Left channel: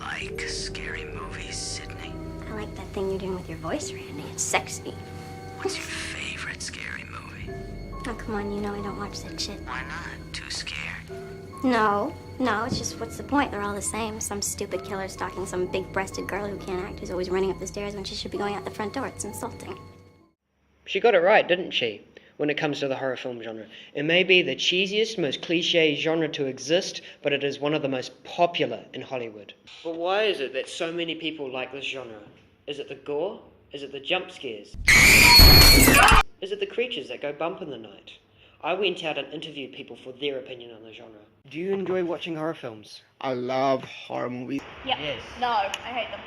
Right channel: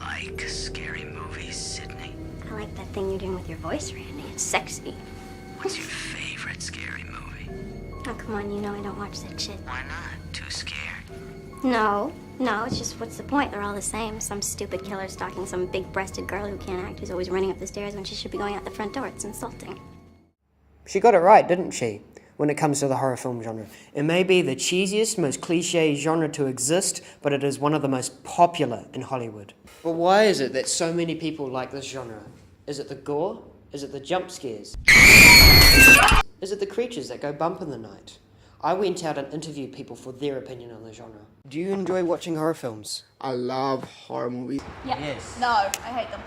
like scary movies, Sydney? I like that thing you're doing with your voice, Randy. It's sexy. What's your favorite scary movie? Oh, come on, you know I don't watch that shit. Why not? Too scared? No, it's just what's the point? They're all the same. Some stupid killer stalking some big-breasted girl who can't act, who's always running up the stairs when she should be going out the front door. It's insulting. She got it right, didn't she? When it comes to the horror film genre. It may be the cheesiest, most cliche genre to exist, but it is one of the most popular in Hollywood. But why is it that so many people like this genre? Is it the gore? Is it the jump scares? Is it the creatures that go bump in the night? I went out and interviewed people for their opinion on the genre. Do you enjoy watching horror films? I love horror movies. Yeah. Yes. No, I hate them.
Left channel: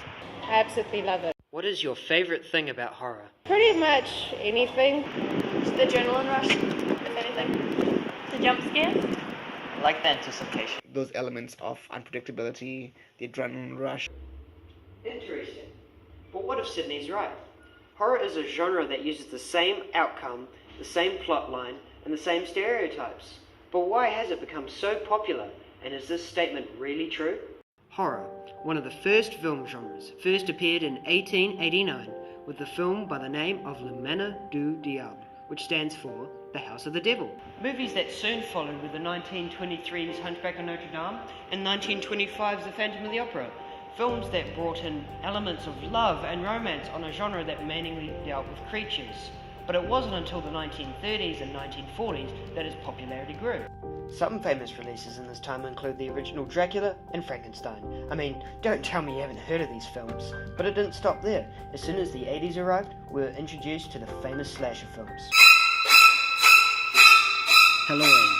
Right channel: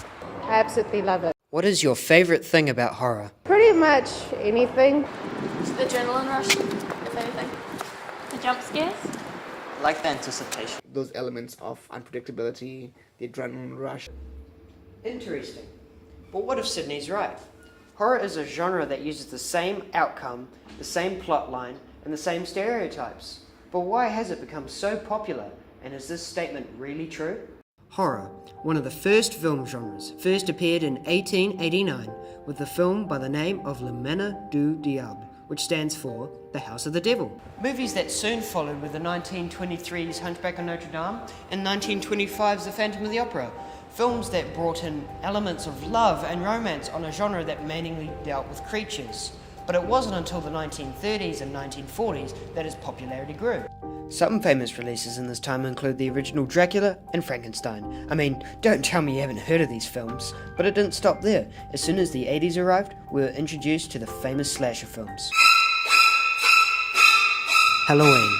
I absolutely love it. What is your favourite thing about horror? Pretty much anything. The adrenaline rush, if anything. The jump scares. I like the anticipation. Those elements of unpredictability, the adrenaline rush. Interesting. But what if Sydney's right? Horror is a genre that uses the same outcome, the same plot line, and the same stereotypes. But why has it become so popular? And is this statement really true? Horror, one of the first film genres, first appeared in 1889 with the film by the name of Le Manor du Diable, which stands for The House of the Devil. Movies that soon followed were the 1923's Hunchback of Notre Dame and 1925's The Phantom of the Opera. Films that brought in elements of love and romance on a genre that mainly dealt with creatures. But it wasn't until the 1930s and 1940s that its popularity grew. Some famous releases in this time include the original Dracula and Frankenstein. I mean, don't tell me you haven't heard of these films. But it didn't stop there. As soon as the 80s arrived, we were introduced to the famous slasher films. Halloween,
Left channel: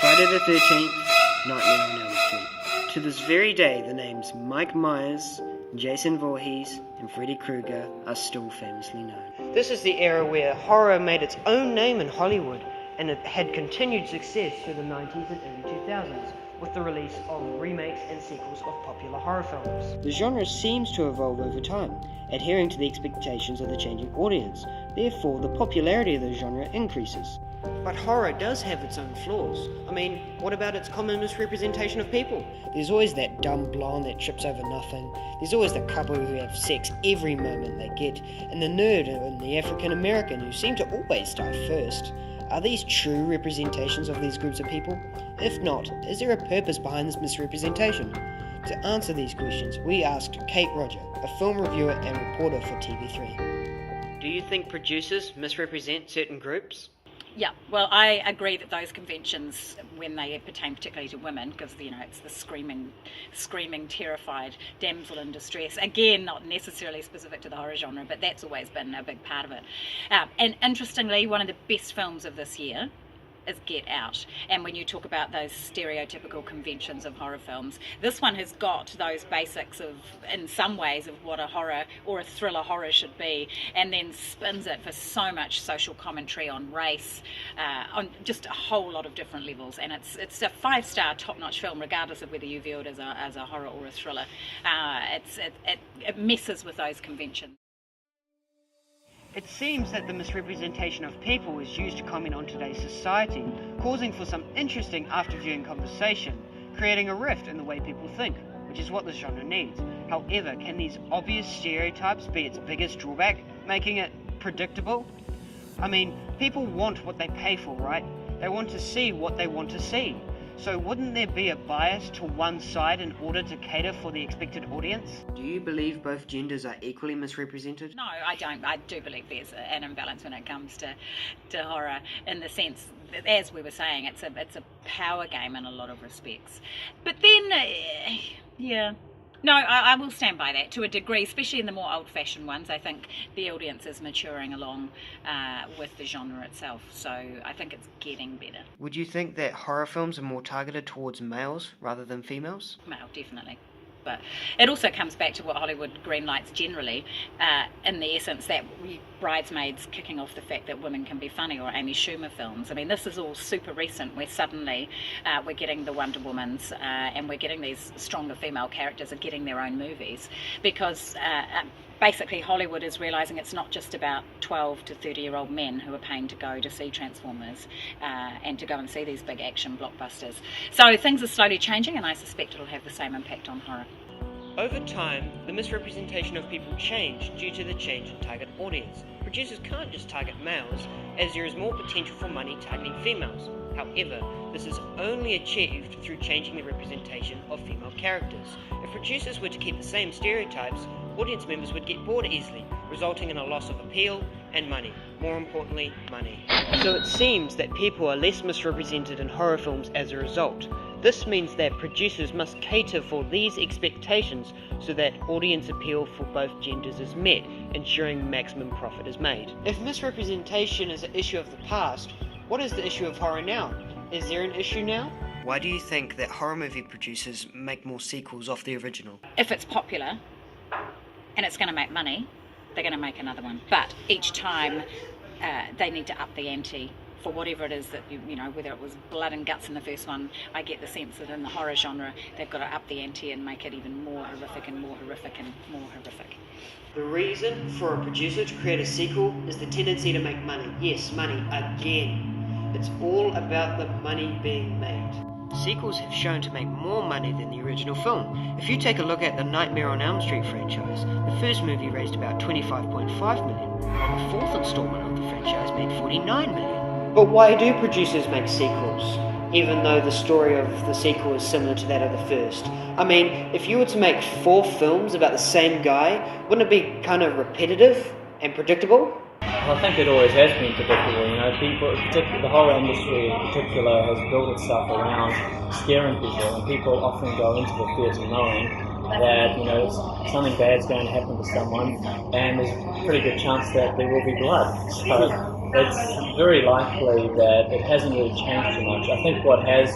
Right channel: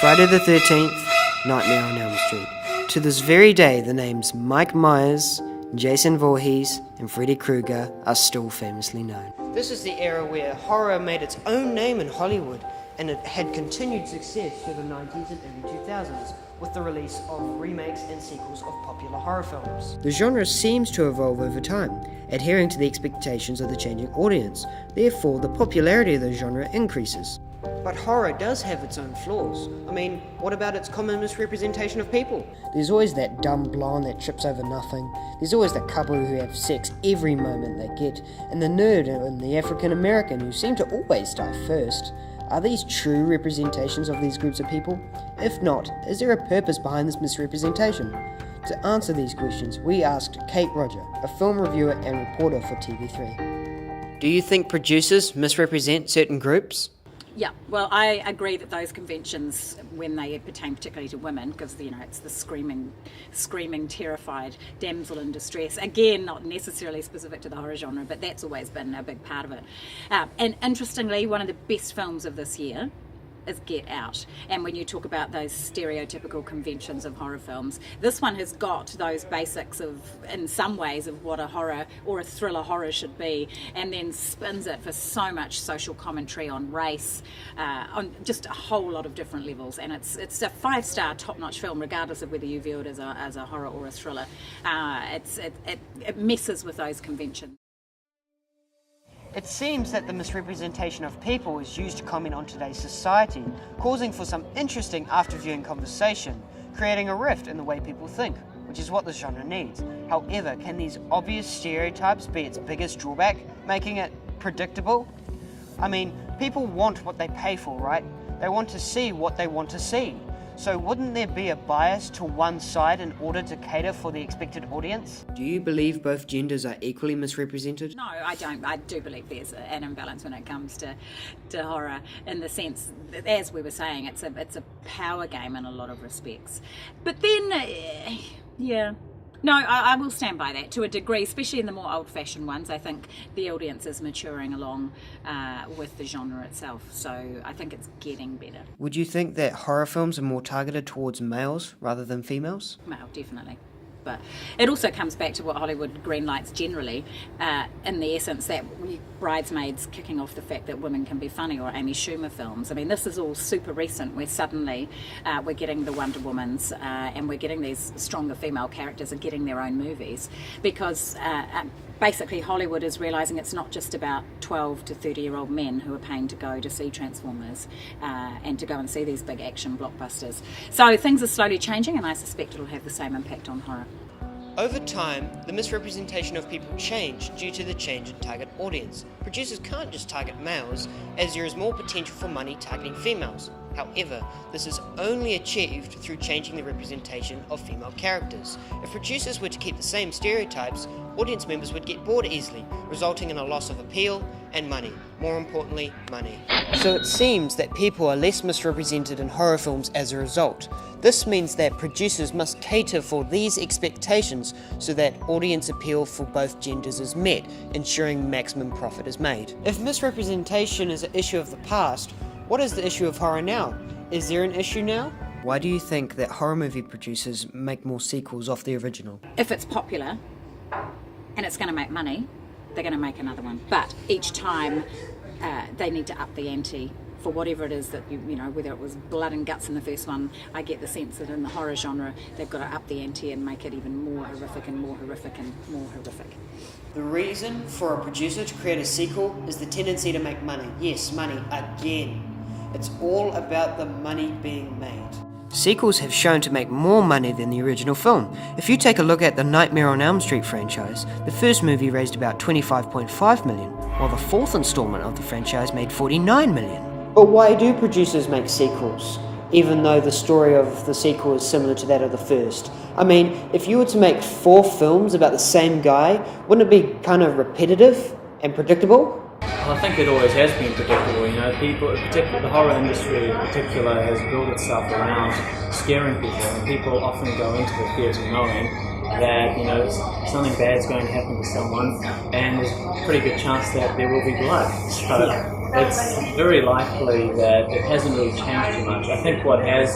Friday the 13th, Nightmare on Elm Street. To this very day, the names Mike Myers, Jason Voorhees, and Freddy Krueger are still famously known. This is the era where horror made its own name in Hollywood, and it had continued success through the 90s and early 2000s, with the release of remakes and sequels of popular horror films. The genre seems to evolve over time, adhering to the expectations of the changing audience. Therefore, the popularity of the genre increases. But horror does have its own flaws. I mean, what about its common misrepresentation of people? There's always that dumb blonde that trips over nothing. There's always the couple who have sex every moment they get, and the nerd and the African American who seem to always die first. Are these true representations of these groups of people? If not, is there a purpose behind this misrepresentation? To answer these questions, we asked Kate Roger, a film reviewer and reporter for TV3. Do you think producers misrepresent certain groups? Yeah, well, I agree that those conventions, when they pertain particularly to women, because, it's the screaming, terrified damsel in distress. Again, not necessarily specific to the horror genre, but that's always been a big part of it. And interestingly, one of the best films of this year is Get Out. And when you talk about those stereotypical conventions of horror films, this one has got those basics of, in some ways, of what a horror or a thriller horror should be, and then spins it for so much social commentary on race, on just a whole lot of different levels. And it's a 5-star top-notch film, regardless of whether you view it as a horror or a thriller. It messes with those conventions. It seems that the misrepresentation of people is used to comment on today's society, causing for some interesting after-viewing conversation, creating a rift in the way people think, which is what this genre needs. However, can these obvious stereotypes be its biggest drawback, making it predictable? I mean, people want what they pay for, right? They want to see what they want to see. So wouldn't there be a bias to one side in order to cater for the expected audience? Do you believe both genders are equally misrepresented? No, I don't. I do believe there's an imbalance when it comes to horror, in the sense that, as we were saying, it's a power game in a lot of respects. But then, yeah. No, I will stand by that to a degree, especially in the more old-fashioned ones. I think the audience is maturing along with the genre itself, so I think it's getting better. Would you think that horror films are more targeted towards males rather than females? Male, definitely. But it also comes back to what Hollywood greenlights generally, in the essence that Bridesmaids kicking off the fact that women can be funny, or Amy Schumer films. I mean, this is all super recent, where suddenly we're getting the Wonder Womans and we're getting these stronger female characters are getting their own movies, because basically Hollywood is realising it's not just about 12 to 30-year-old men who are paying to go to see Transformers and to go and see these big action blockbusters. So things are slowly changing, and I suspect it'll have the same impact on horror. Over time, the misrepresentation of people changed due to the change in target audience. Producers can't just target males, as there is more potential for money targeting females. However, this is only achieved through changing the representation of female characters. If producers were to keep the same stereotypes, audience members would get bored easily, resulting in a loss of appeal and money. More importantly, money. So it seems that people are less misrepresented in horror films as a result. This means that producers must cater for these expectations so that audience appeal for both genders is met, ensuring maximum profit is made. If misrepresentation is an issue of the past, what is the issue of horror now? Is there an issue now? Why do you think that horror movie producers make more sequels off the original? If it's popular and it's going to make money, they're going to make another one. But each time they need to up the ante for whatever it is that, you know, whether it was blood and guts in the first one, I get the sense that in the horror genre, they've got to up the ante and make it even more horrific and more horrific and more horrific. The reason for a producer to create a sequel is the tendency to make money. Yes, money, again. It's all about the money being made. Sequels have shown to make more money than the original film. If you take a look at the Nightmare on Elm Street franchise, the first movie raised about $25.5 million, while the fourth installment of the franchise made $49 million. But why do producers make sequels, even though the story of the sequel is similar to that of the first? I mean, if you were to make 4 films about the same guy, wouldn't it be kind of repetitive and predictable? I think it always has been predictable. You know, people, particularly the horror industry in particular, has built itself around scaring people, and people often go into the theatre knowing that, you know, something bad's going to happen to someone, and there's a pretty good chance that there will be blood. So it's very likely that it hasn't really changed too much. I think what has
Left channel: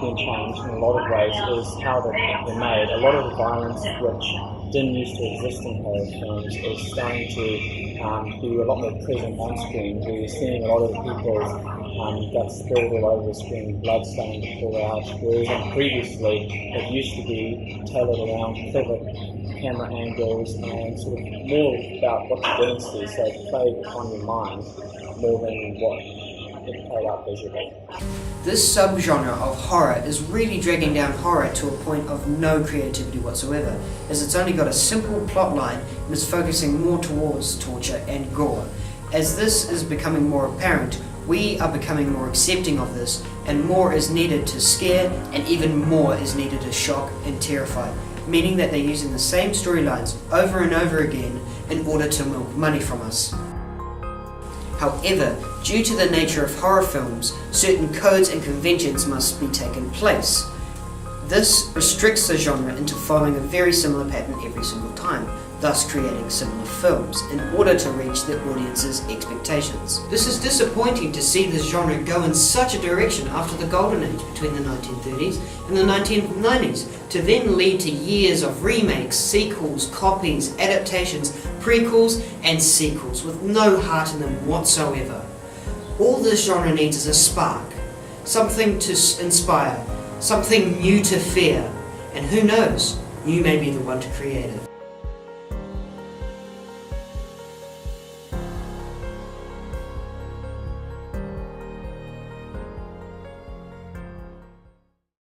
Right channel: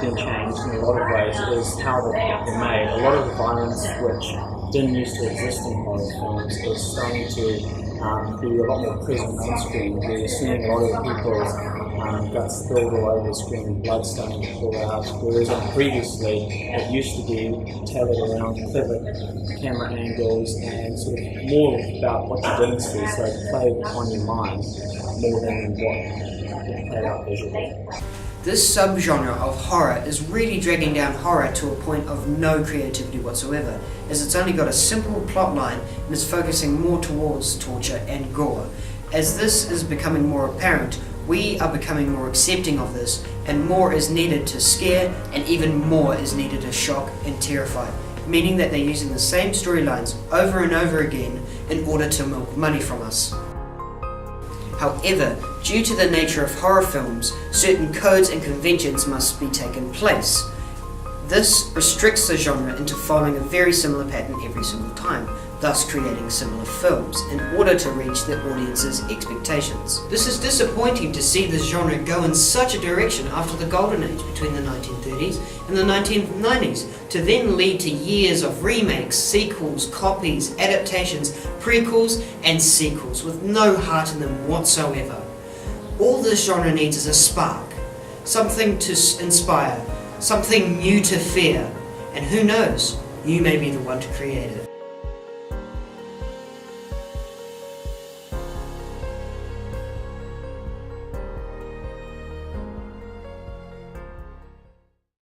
been changed in a lot of ways is how they're made. A lot of the violence which didn't used to exist in horror films is starting to be a lot more present on screen. We're seeing a lot of people's guts spilled all over the screen, blood starting to pour out, whereas previously it used to be tailored around clever camera angles and sort of more about what you didn't see, so it played on your mind more than what it played out visually. This subgenre of horror is really dragging down horror to a point of no creativity whatsoever, as it's only got a simple plot line and is focusing more towards torture and gore. As this is becoming more apparent, we are becoming more accepting of this, and more is needed to scare, and even more is needed to shock and terrify, meaning that they're using the same storylines over and over again in order to milk money from us. However, due to the nature of horror films, certain codes and conventions must be taken place. This restricts the genre into following a very similar pattern every single time, thus creating similar films in order to reach the audience's expectations. This is disappointing to see this genre go in such a direction after the golden age between the 1930s and the 1990s, to then lead to years of remakes, sequels, copies, adaptations, prequels and sequels with no heart in them whatsoever. All this genre needs is a spark, something to inspire, something new to fear, and who knows, you may be the one to create it.